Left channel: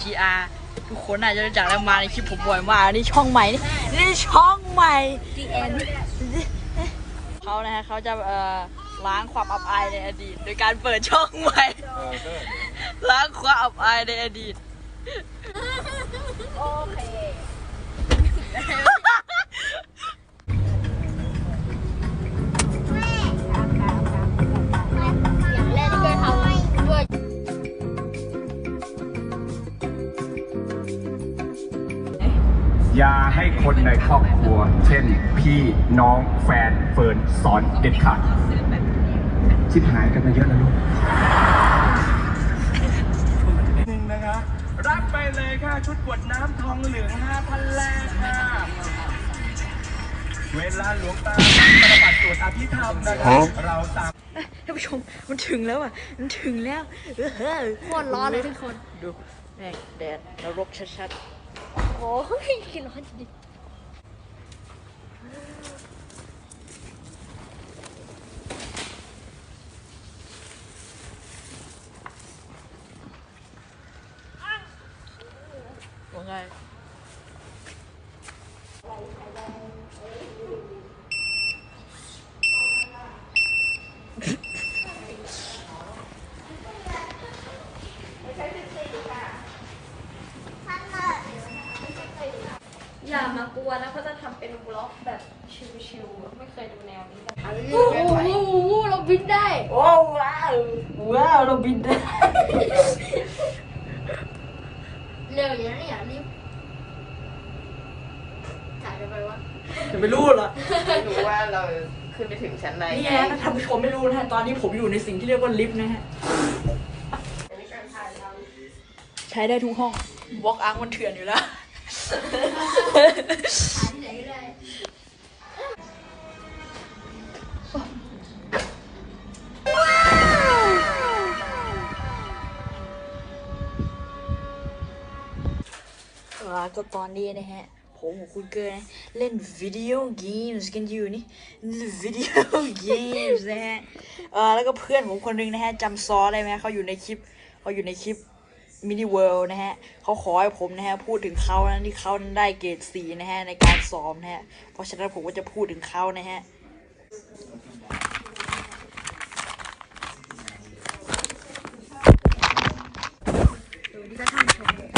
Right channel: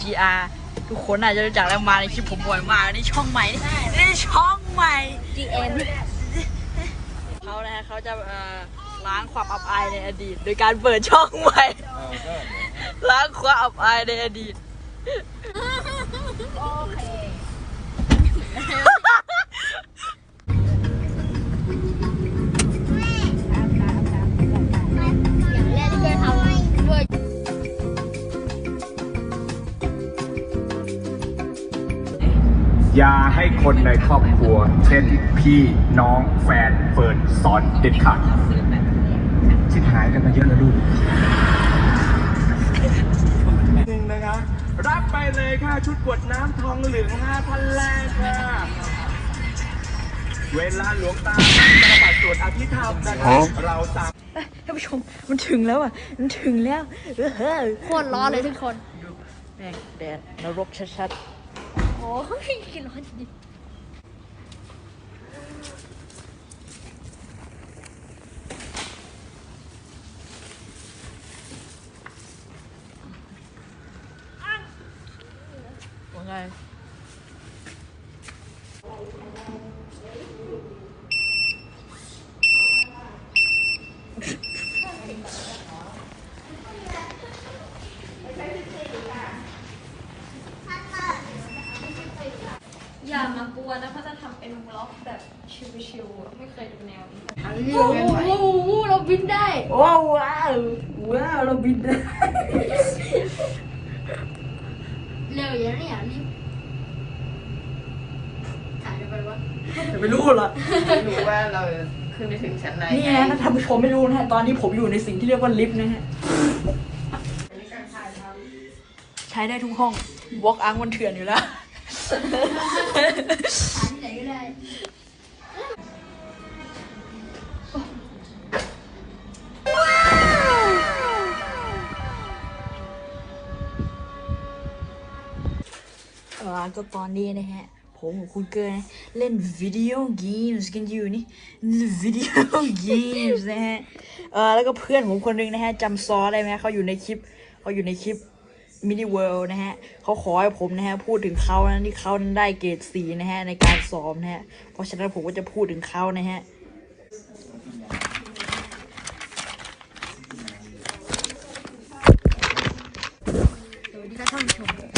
GR ทุกคนอาจจะรู้จักแล้วมาในคลิปผมบ่อยมากนี่ช่องใหม่นะนี่ช่องใหม่ The End เขานะฮะเขาจะเอ่อล้างความอับอายในอดีต โดยการเปิดช่องใหม่เออก็เดี๋ยวล้างความอับอายในอดีต ช่นพี่น้องแฟนเฟิร์นสอนเด็ดขาดชิบหายกันไปเยอะเลยลูกหนึ่งนะคะรับไปเลยค่ะชุดกวดน้ำทองเหลือง5,000แรกค่ะเวลาหลวงตาปัดสวดอภิธรรมนะคะเราสามท่านผู้ชมมันถึงแล้วอะ มันถึงแล้วเออเฮ้ยโคตรร้อนเลยทุกคน ดูแม่งแดดนรกชัดโอ้ยร้อนจริง ๆว่าไงอย่ามากวนนะเขาจะทำเป็นบล็อกแบบชิวๆไม่เคยดูแนวนี้วูวูวูวูเราบินได้ ว้าวว้าวว้าวเราบินได้ เร็วอย่างนี้อย่างนี้ถ่ายไปวะจะไม่รู้เหรอหรือว่าเราขึ้นไปถึงชั้นไหนนี่นะถ้าท่านผู้ชมไม่รู้นะฮะตอนนี้ผมอยู่ในสิ่งที่เรียกว่าลิฟต์นะฮะใช้ได้ทุกห้องวอล์กอังมันเถื่อนอยู่แล้ว ก็ตอนนี้นะฮะ ผมกับคุณเกอร์นเล่นวิดีโอเกมส์กันอยู่นี่วิดีโอเกมส์นะฮะ เออแล้วก็เพื่อนผมคนหนึงนะฮะจำซอได้ไหมเขาอยู่ในคลิปเขาอยู่ในคลิปมินิเวิลด์นะฮะเขาขอให้ผมนะฮะพูดถึงเขานะที่เขานั้นได้เกรดสีนะฮะในการซ้อมนะฮะ เพราะฉะนั้นผมก็จะพูดถึงเขานะฮะโ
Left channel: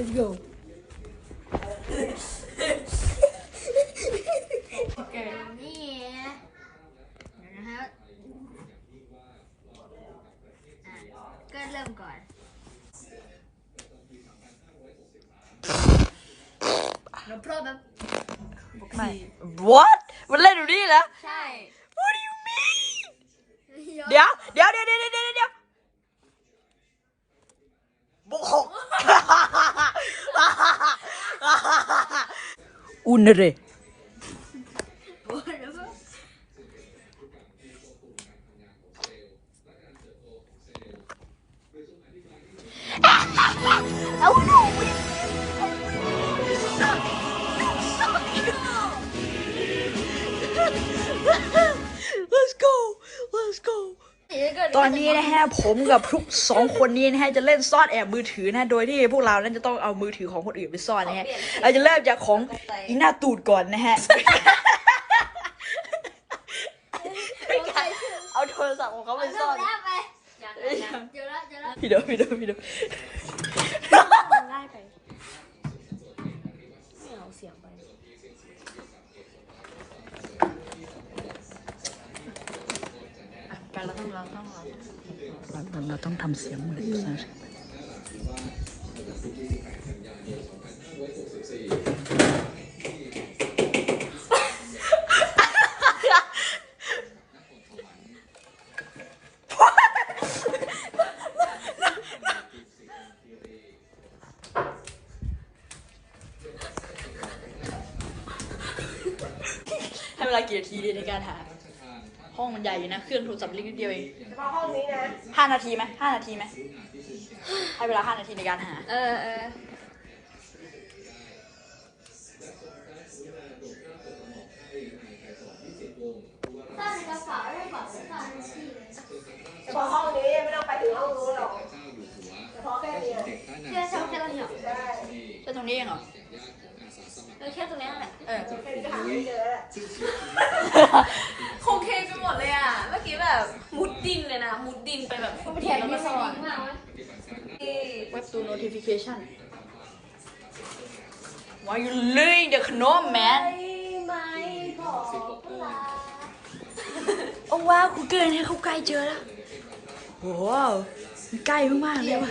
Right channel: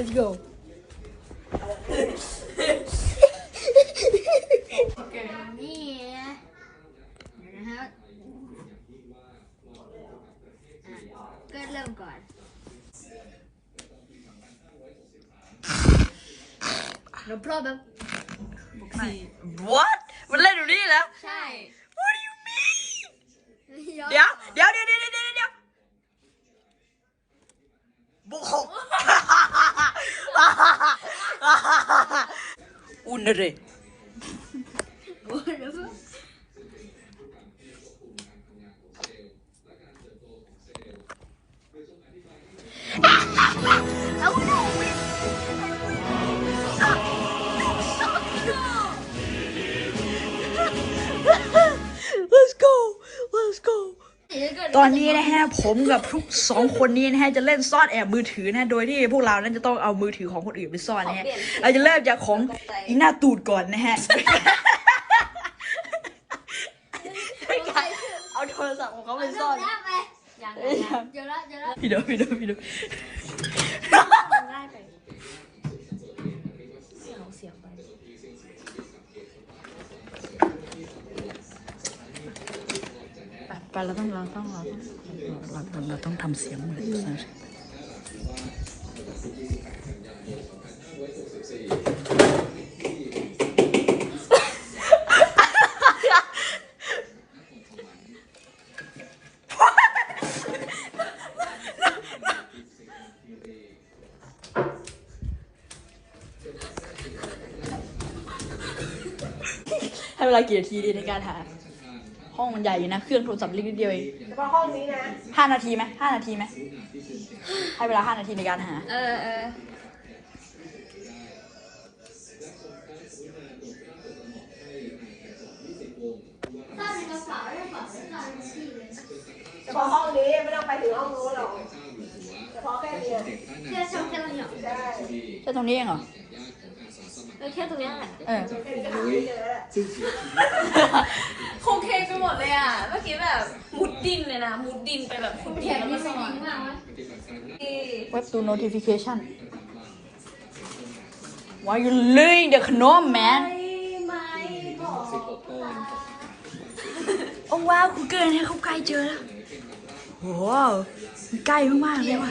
let's go let's go โอเคนี่นะครับอะก็เริ่มก่อน no problem ไม่ what มันเล่นอยู่นี่แล้ว ใช่ what do you mean เดี๋ยวเดี๋ยวเดี๋ยวเดี๋ยวเดี๋ยวเดี๋ยว เดี๋ยวบุก ตอนนี้นะฮะผมกับทุกสองคนนี้นะฮะจะเล่นซ่อนแอบมือถือนะโดยที่พวกเรานั้นจะต้องเอามือถือของคนอื่นไปซ่อนนะฮะเราจะเริ่มจากของอีหน้าตูดก่อนนะฮะเอาโทรศัพท์ของเขาไปซ่อนแล้วไปเดี๋ยวละเดี๋ยวละพี่เดี๋ยวพี่เดี๋ยวพี่เดี๋ยว ได้ไป เอาเสียงไป เราต้องเราต้องเราต้องเราต้องทำเสียงเหมือนใช่ให้เวลากี่นาทีดีในการหา ห้องมันใหญ่อยู่นะ เครื่องโทรศัพท์เล็กนิดเดียวเองห้านาทีไหมห้านาทีไหมให้เวลาห้านาทีในการหา เออเออพอห้องนี้ไม่ต้องไปถึงห้องนู้นหรอกพอแค่เดียวแค่ช่องแค่ตรงนี้แค่ตรงนี้เองเหรอเออแค่ตรงนี้แหละเออโคเค นไปหมดเลยอะ เมื่อกี้แบบมุดดินเลยนะ มุดดินไปแบบทั่วประเทศแล้วก็สอนเว็บดู notification Why you laying the gnome man โอ้ว้าวคุณเกินให้เขาใกล้เจอแล้วโอ้โหมันใกล้มากๆเลยว่ะ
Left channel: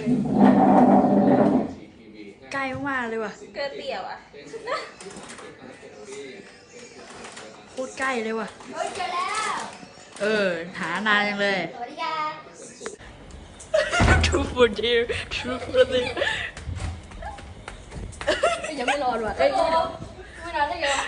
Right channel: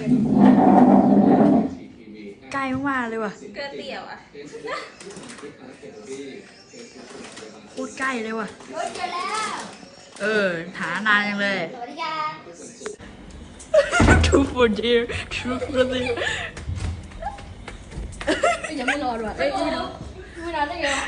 ใกล้มากๆเลยว่ะเกินเตี่ยวอะ โคตรใกล้เลยว่ะรถเจอแล้ว เออหานานจังเลยสวัสดีค่ะ True for dear True for dear ยังไม่นอนว่ะไม่นอนไม่นอนได้ไงวะ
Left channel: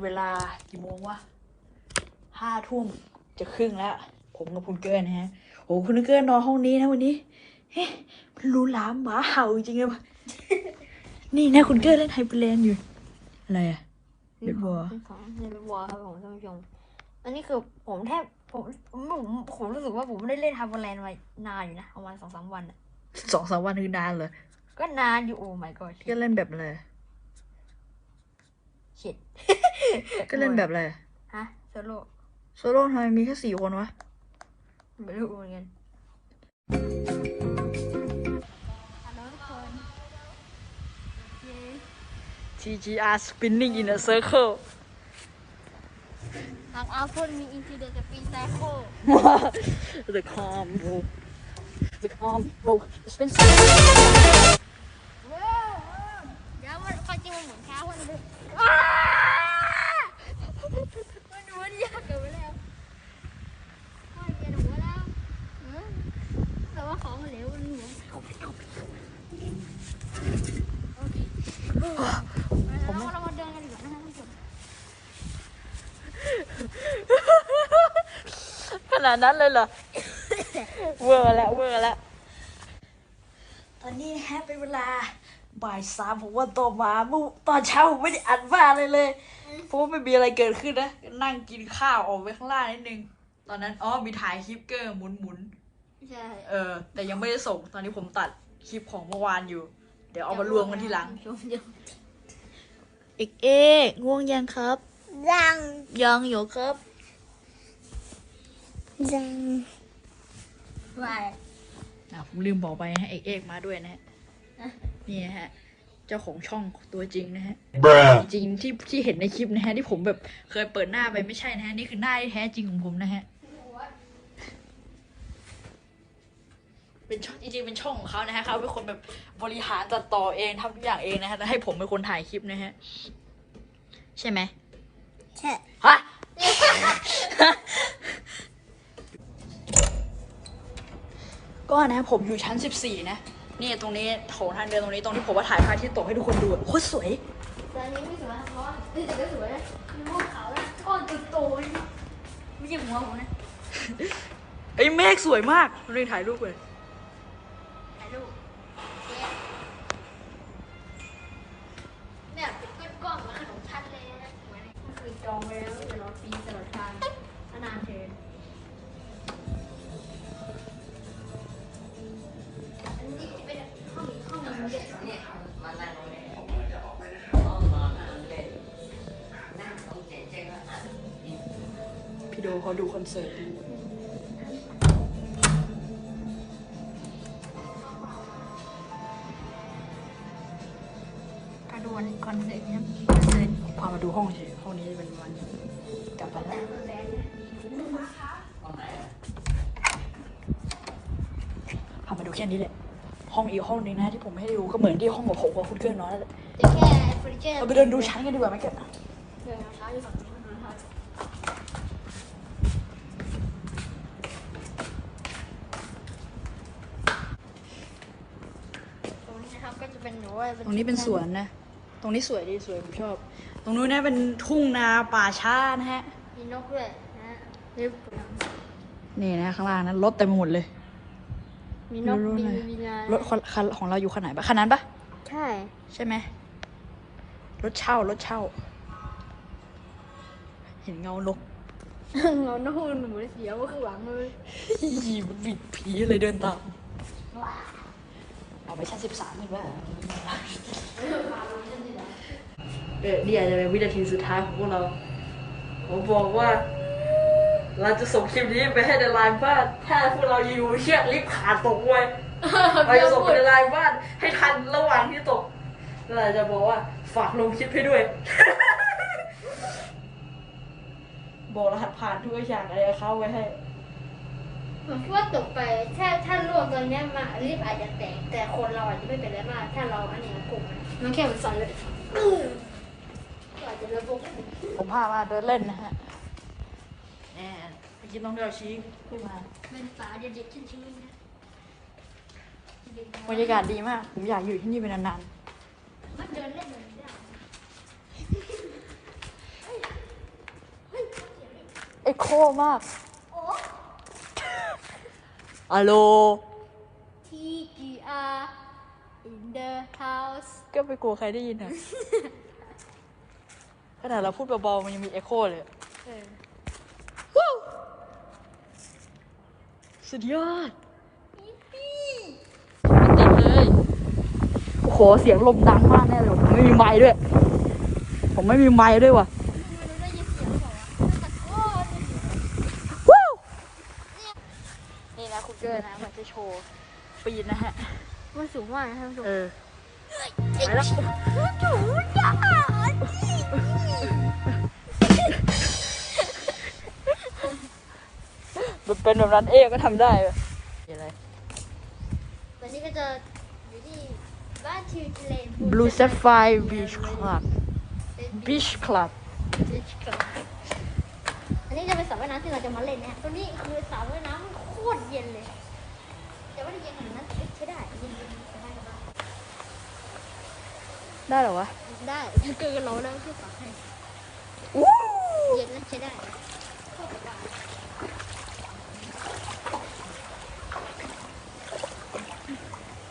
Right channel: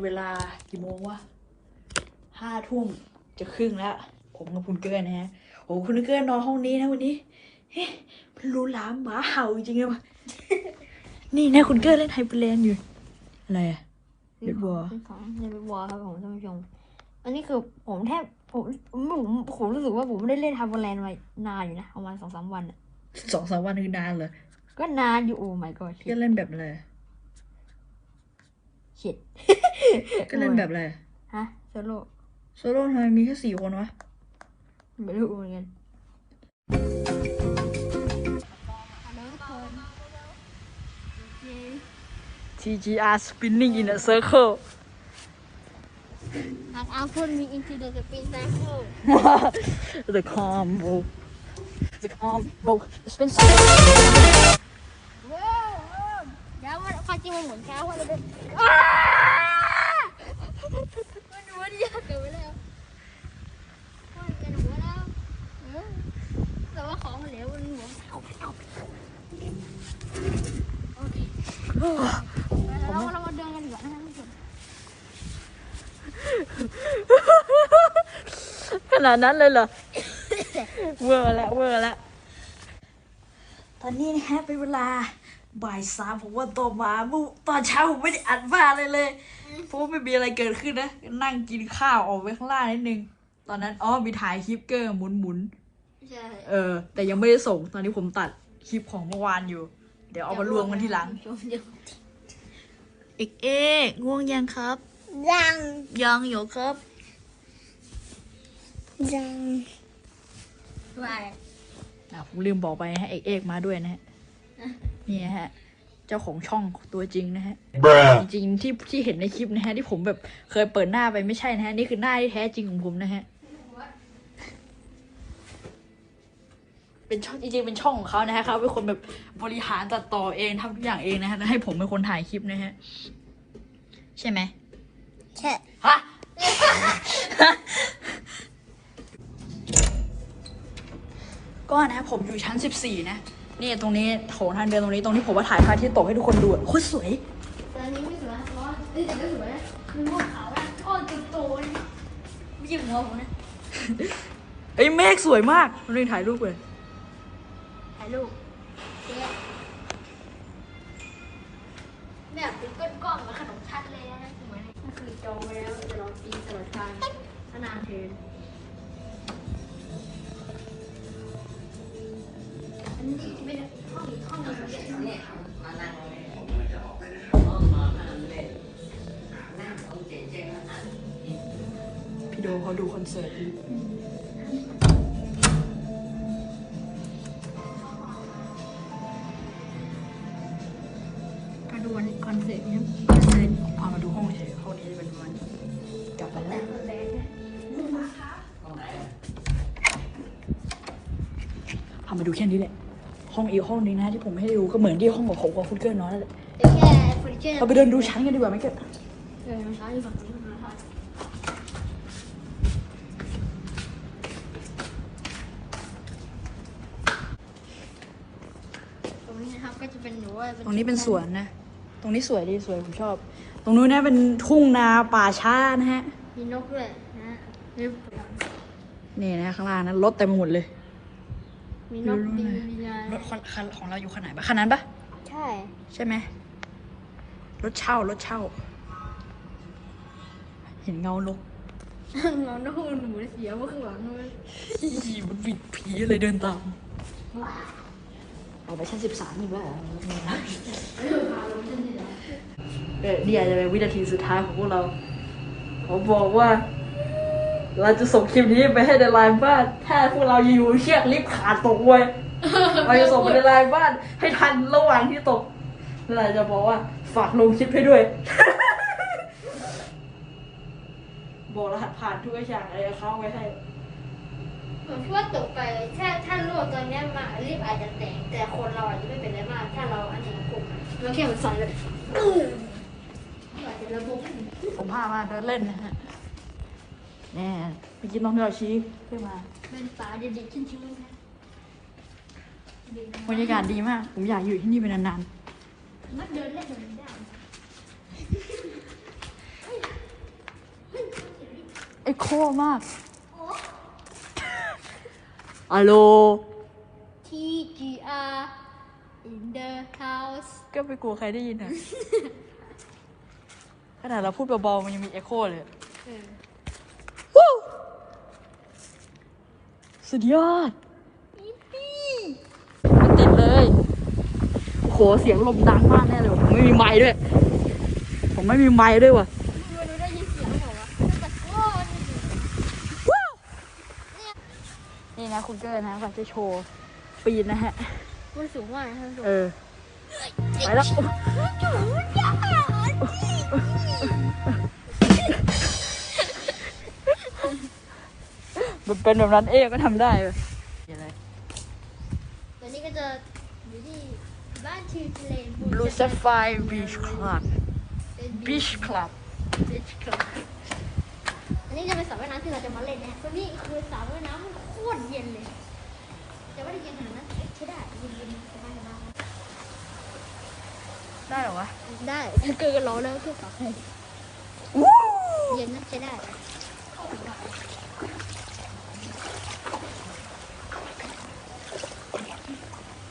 เป็นเวลากี่โมงวะห้าทุ่มจะครึ่งแล้ว ผมกับคุณเกิร์นะฮะโอ้คุณเกิร์นอนห้องนี้นะวันนี้เฮ้มันรู้ล้าหมาเห่าจริงๆเลยนี่ไงคุณเกิร์เล่นไฮเปอร์เลนอยู่ อะไรอะเรียบร้อยของในบัวครับผมท่านผู้ชมอันนี้คือผมแทบผมผมผมผมรู้สึกว่าผมไม่ได้เล่นทำแลนด์มานานอยู่นะประมาณสองสามวันอะสองสามวันคือนานเลยก็นานอยู่โอ้ my god ก็เล่นแบบอะไรเช็ด ก็เล่นแบบอะไร ฮะโซโล่โซโล่ทำไมมีแค่สี่คนวะไม่รู้เหมือนกันฮัลโหลทุกคนโอเค TGR spinning in a circle ทางอาพ่นมีอินฟิเดอร์สปีนไซโค the combo the combo เป็นว้าวเดี๋ยวมันความจริงมันเหมือนเช้าวันเลย มันหัวเดียวเกิดไปแล้วมันเป็นหัวแล้วแต่ว่าของเหลวมันหัวเราเรามาเดินกันดีกว่านะครับทุกคนขนาดนั้นเลยเหรอ เวอร์แล้วเวอร์แล้วตอนนี้นะฮะเป็นเวลา บ่ายสามผมว่าต่อมาเมื่อตอนเช้าผมไม่ได้อัดบ้าเลยเลยเพราะว่าไม่มีอะไรเกิดขึ้นนะ นั่งกินข้าวออกไปข้างล่างนิดนึง ตอนนั้นอ๋อมีถ่ายคลิปเกอร์หมุนหมุนใช่ๆเออ แต่ยังไม่ได้ส่ง ตอนนี้ผมตัดคลิปของเมื่อวานอยู่ เดี๋ยวเอามารวมกันทีหลัง เอกเอกง่วงยังครับ ยังยังอยู่ครับ ยังว่าอะผมลืมบอกไปนะฮะเอกเอกมาด้วยนะฮะ นี่นะฮะ เจ้าของช่องตัวจริงนะฮะ Bruh จริงๆที่ที่เห็นในคลิปนะฮะที่ผมแบบเคยเปิดหน้าไปไม่ใช่นะฮะนี่คือหน้าที่แท้จริงของผมนะฮะ เป็นช่องจริงๆเป็นช่องของเขานะฮะเขาเป็นคนแบบบริหารตัดต่อเองทำทุกอย่างเองนะฮะแล้วให้ผมเป็นคนถ่ายคลิปนะฮะ ใช่ไหมแค่ฮะ ก็นะผมอยู่ชั้นสิบสี่นะ นี่ตรงนี้โถงทางเดินตรงนี้ตรงที่ผมว่าถ่ายพระอาทิตย์ตกให้ทุกคนดูอะโคตรสวยแต่อันนี้ไม่สวยอ๋อนี่แต่ไม่สวยนะมันม่วงขาวแล้วอ๋อตัวโตเลยไม่ใช่หัวผมนะเอ้ยเมฆสวยมากเราเลยถ่ายรูปเลยถ่ายรูป เขาดูคอนเสิร์ตอยู่กระโดนคอนเสิร์ตเนี่ยพามาดูห้องเฉยห้องนี้เป็นมาณนี้กลับกันแล้วพามาดูแค่นี้เลยห้องอีกห้องนี้นะที่ผมให้ดูก็เหมือนที่ห้องของผมกับคุณเกิลน้อยเลยเฟอร์นิเจอร์เราไปเดินดูชั้นกันดีกว่าไหมเกิลเออใช้ฝั่งนี้นะครับตรงนี้ครับก็จะเป็นหนูว่า ต รงนี้เป็นสวนนะ ตรงนี้สวยดีสวยผมชอบ ตรงนู้นนะเป็นทุ่งนาป่าช้านะฮะ มีนกด้วยนะมีนี่นะข้างล่างนะรถเต็มไปหมดเลย มีนกบินบินมารถคันของเราอยู่คันไหนปะคันนั้นปะใช่ ใช่ไหมรถเช่ารถเช่า เห็นเงานกเรานกมันหมูเสียงก็คือหวังเลยอีมันบิดผีเลยเดินตาม เอาไปแค่สิบสามนี่แหละเออนี่อาจจะเป็นวินาทีสุดท้ายของพวกเราผมบอกว่า เราจะส่งคลิปนี้ไปให้ในไลน์บ้านถ้าพวกเราอยู่เชือกลิฟต์ขาดตกไว้เราจะส่งไปในไลน์บ้าน ให้ทันระหว่างที่ตกเราจะบอกว่าฝากลงคลิปให้ด้วยบอกรหัสผ่านทุกอย่างอะไรเข้าไว้ให้ ผมคิดว่าตกไปถ้าถ้าล่วงตอนเนี้ยมารีบอาจจะแตกแต่คนเราอาจจะไม่เป็นไรมาก ถ้าเราอันนี้มันกุมันแค่เป็นฝันเลยอาจจะระบบผมพามาเดินเล่นนะฮะแน่ไปกินน้องเนื้อชีขึ้นมาเป็นสาวเด็กๆชิ้นๆนะบรรยากาศดีมาก ผมอยากอยู่ที่นี่เป็นนานมาเดินเล่นเดินได้ๆเอ็กโคมาก อัลโหล T G R in the house ก็ไปกลัวใครได้ยินอะ ขนาดเราพูดเบาๆมันยังมีเอ็กโคเลยเออวู้สุดยอดมันติดเลย โอ้โห เสียงลมดังมากแน่เลยผมไม่มีไม้ด้วย ผมไม่มีไม้ด้วยว่ะ ดูดูได้ยินเสียงเปล่าวะตะโกน วู้นี่นะคุณ เกอร์นะก็จะโชว์ปีนนะฮะ มันสูงมากนะครับสูงเออ ไปแล้วมันเป็นแบบนั้นเองก็ทำได้เว้ยอะไรวันนี้ก็จะอยู่ที่บ้านชิวทะเล Blue Sapphire Beach Club เป็น Beach Club บีชคลับอันนี้จะเป็นสระว่ายน้ำที่เราจะมาเล่นเนี่ยตรงนี้คือสระว่ายน้ำโคตรเย็นเลย แต่ว่าเย็นอยู่นะใช้ได้ ได้เหรอวะ ได้โอเคร้อนแล้วคือฝากให้เย็นแล้วใช้ได้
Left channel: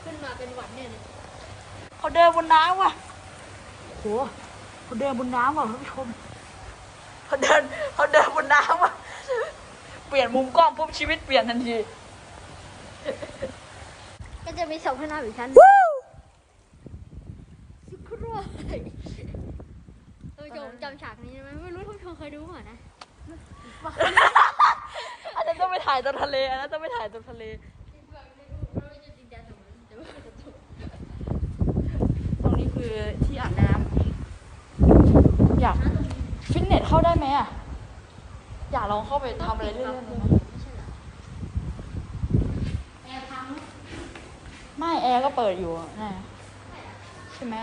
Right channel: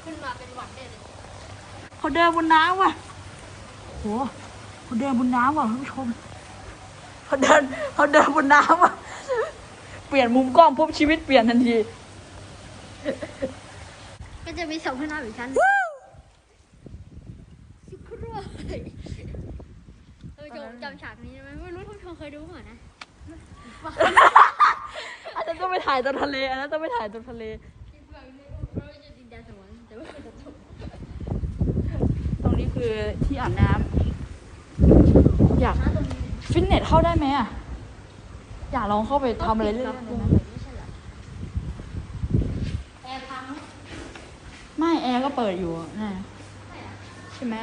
ขึ้นมาเป็นหวัดเนี่ยเขาเดินบนน้ำว่ะโหเขาเดินบนน้ำว่ะท่านผู้ชมเขาเดินเขาเดินบนน้ำว่ะ เปลี่ยนมุมกล้องปุ๊บชีวิตเปลี่ยนทันที ก็จะมีสองข้างหน้าอีกชั้นเออจำจำ ฉากนี้ไหมไม่รู้ท่านเคยดูเปล่านะอันนี้ต้องไปถ่ายตอนทะเลอันนั้นต้องไปถ่ายตอนทะเลตรงนี้คือที่อาบน้ำอยากฟิตเนสเข้าได้ไหมอะอยากลองเข้าไปทำอะไรเรื่อยๆเลยนะแต่พังไม่แอร์ก็เปิดอยู่อะใช่ไหม